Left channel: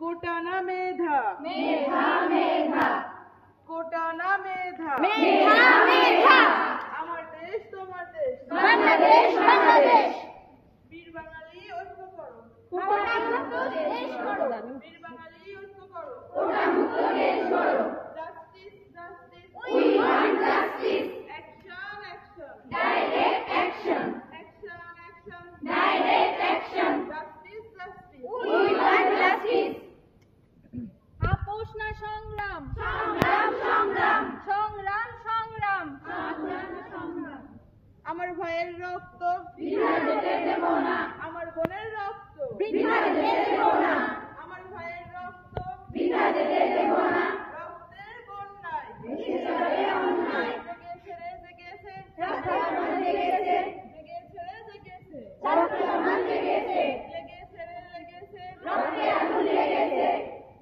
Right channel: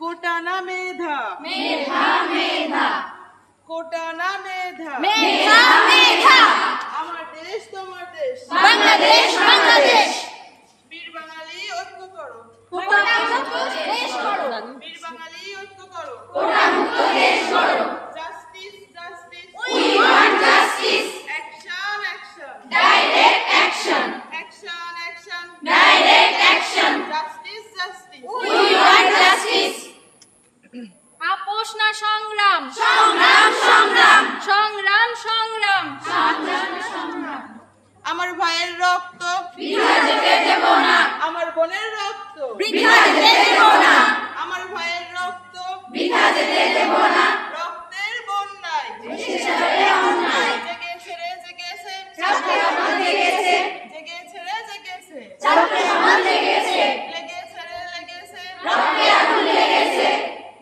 কোটা না মেধা, মেধা মেধা, কোটা না মেধা, মেধা মেধা, আমার দেশ তোমার দেশ, বাংলাদেশ বাংলাদেশ, বীর বাঙালি ঐক্য করো, কোটা মুক্ত দেশ করো, বীর বাঙালি ঐক্য করো, কোটা মুক্ত দেশ করো, justice justice, we want justice, action action, direct action, action action, direct action, justice justice, we want justice, আপোষ না সংগ্রাম, সংগ্রাম সংগ্রাম, সংগ্রাম সংগ্রাম, সংগ্রাম সংগ্রাম, আমার ভাইয়ের রক্ত বৃথা যেতে দেব না, আমার বোনের রক্ত বৃথা যেতে দেব না, আমার ভাইয়ের রক্ত বৃথা যেতে দেব না, রক্তের বন্যায় দেশে যাবে অন্যায়, জেগেছে রে জেগেছে, চাপে সমাজ লেগেছে, জেগেছে রে জেগেছে, চাপে সমাজ লেগেছে, লেগেছে রে লেগেছে, রক্তে আগুন লেগেছে,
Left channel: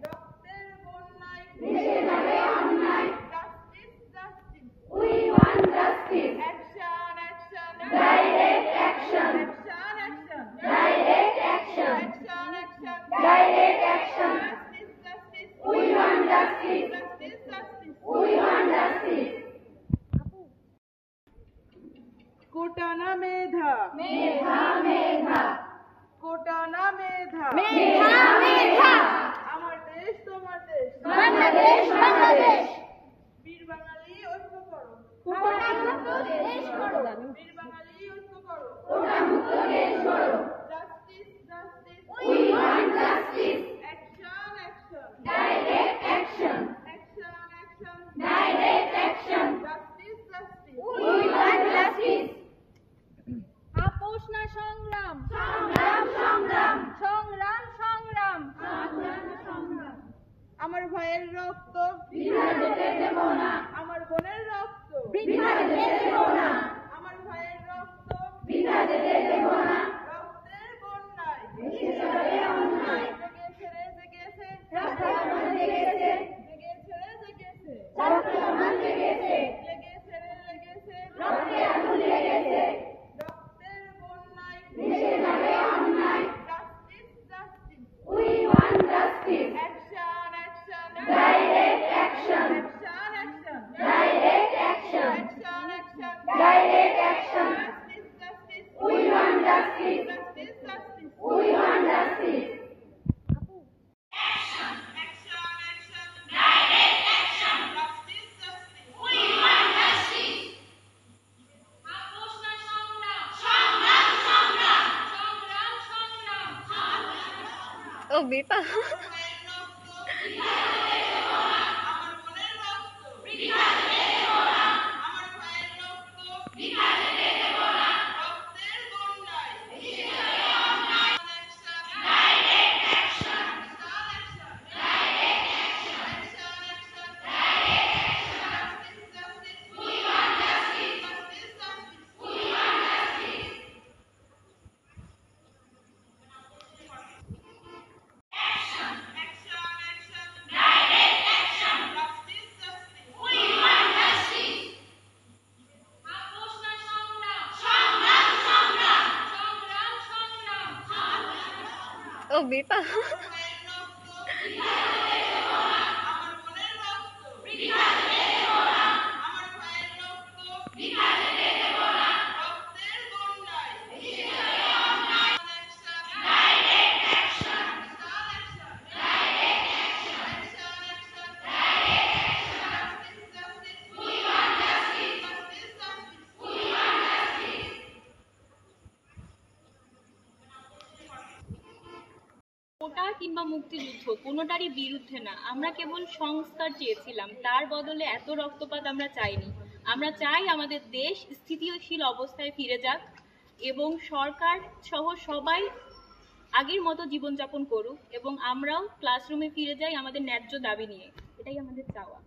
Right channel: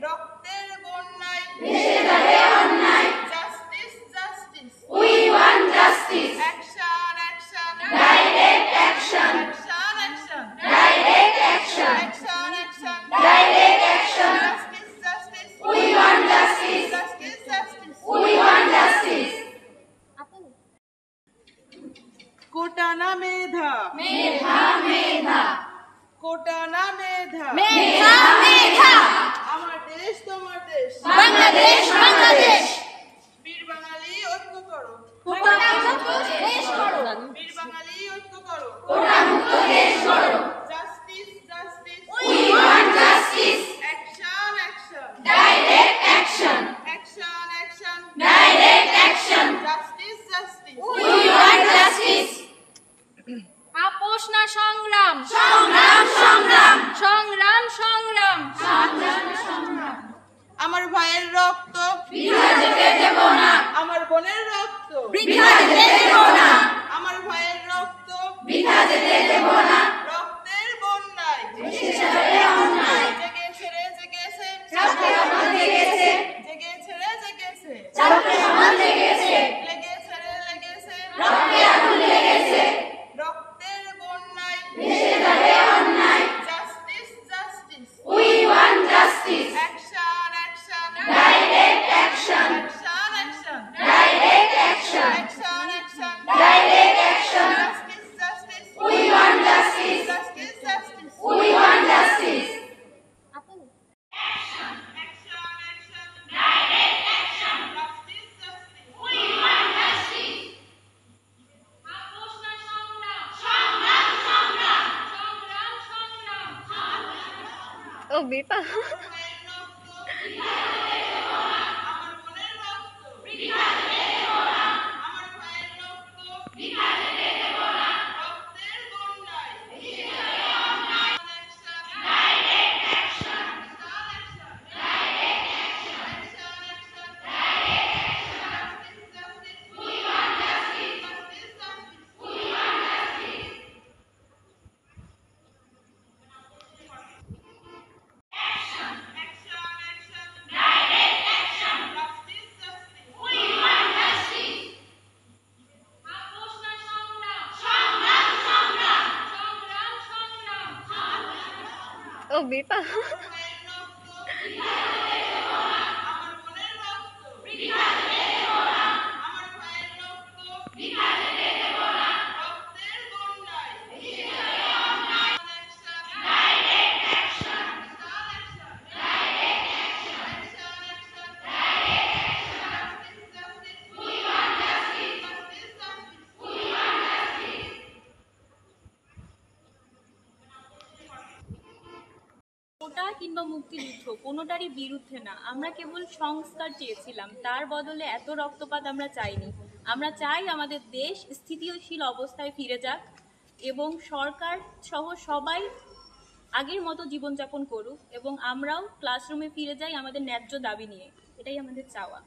রক্তের বন্যায় দেশে যাবে অন্যায়, justice justice, we want justice, action action, direct action, action action, direct action, action action, direct action, justice justice, we want justice, justice justice, we want justice, কোটা না মেধা, মেধা মেধা, কোটা না মেধা, মেধা মেধা, আমার দেশ তোমার দেশ, বাংলাদেশ বাংলাদেশ, বীর বাঙালি ঐক্য করো, কোটা মুক্ত দেশ করো, বীর বাঙালি ঐক্য করো, কোটা মুক্ত দেশ করো, justice justice, we want justice, action action, direct action, action action, direct action, justice justice, we want justice, আপোষ না সংগ্রাম, সংগ্রাম সংগ্রাম, সংগ্রাম সংগ্রাম, সংগ্রাম সংগ্রাম, আমার ভাইয়ের রক্ত বৃথা যেতে দেব না, আমার বোনের রক্ত বৃথা যেতে দেব না, আমার ভাইয়ের রক্ত বৃথা যেতে দেব না, রক্তের বন্যায় দেশে যাবে অন্যায়, জেগেছে রে জেগেছে, চাপে সমাজ লেগেছে, জেগেছে রে জেগেছে, চাপে সমাজ লেগেছে, লেগেছে রে লেগেছে, রক্তে আগুন লেগেছে, রক্তের বন্যায় দেশে যাবে অন্যায়, justice justice, we want justice, action action, direct action, action action, direct action, action action, direct action, justice justice, we want justice, justice justice, we want justice, action action, direct action, justice justice, we want justice, আপোষ না সংগ্রাম, সংগ্রাম সংগ্রাম, সংগ্রাম সংগ্রাম, ভাইয়ের রক্ত আমার বোনের রক্ত আমার ভাইয়ের রক্ত রক্তের বন্যায় action direct action, action, justice justice, we want justice, justice justice, we want justice, action direct action, justice justice, we want justice, আপোষ না সংগ্রাম, সংগ্রাম সংগ্রাম, সংগ্রাম সংগ্রাম, ভাইয়ের রক্ত আমার বোনের রক্ত আমার ভাইয়ের রক্ত রক্তের বন্যায় action direct action, we want justice, we want justice, কোটা কিংবা মুক্তিযুদ্ধ কোনোটারই বিরুদ্ধে না, আমরা কেবল সংস্কার চেয়েছিলাম, তার বদলে এত রক্তপাত আমরা চাইনি। আমরা চাই আমাদের দেশ স্থিতিশীল অবস্থায় ফিরে যাক এবং সরকার সহ সবাই আগের মতো জীবনযাপন করুক এবং আমরাও ক্লাসরুমে ফিরে যাই আমাদের ন্যায্য দাবি নিয়ে। এটাই আমাদের চাওয়া।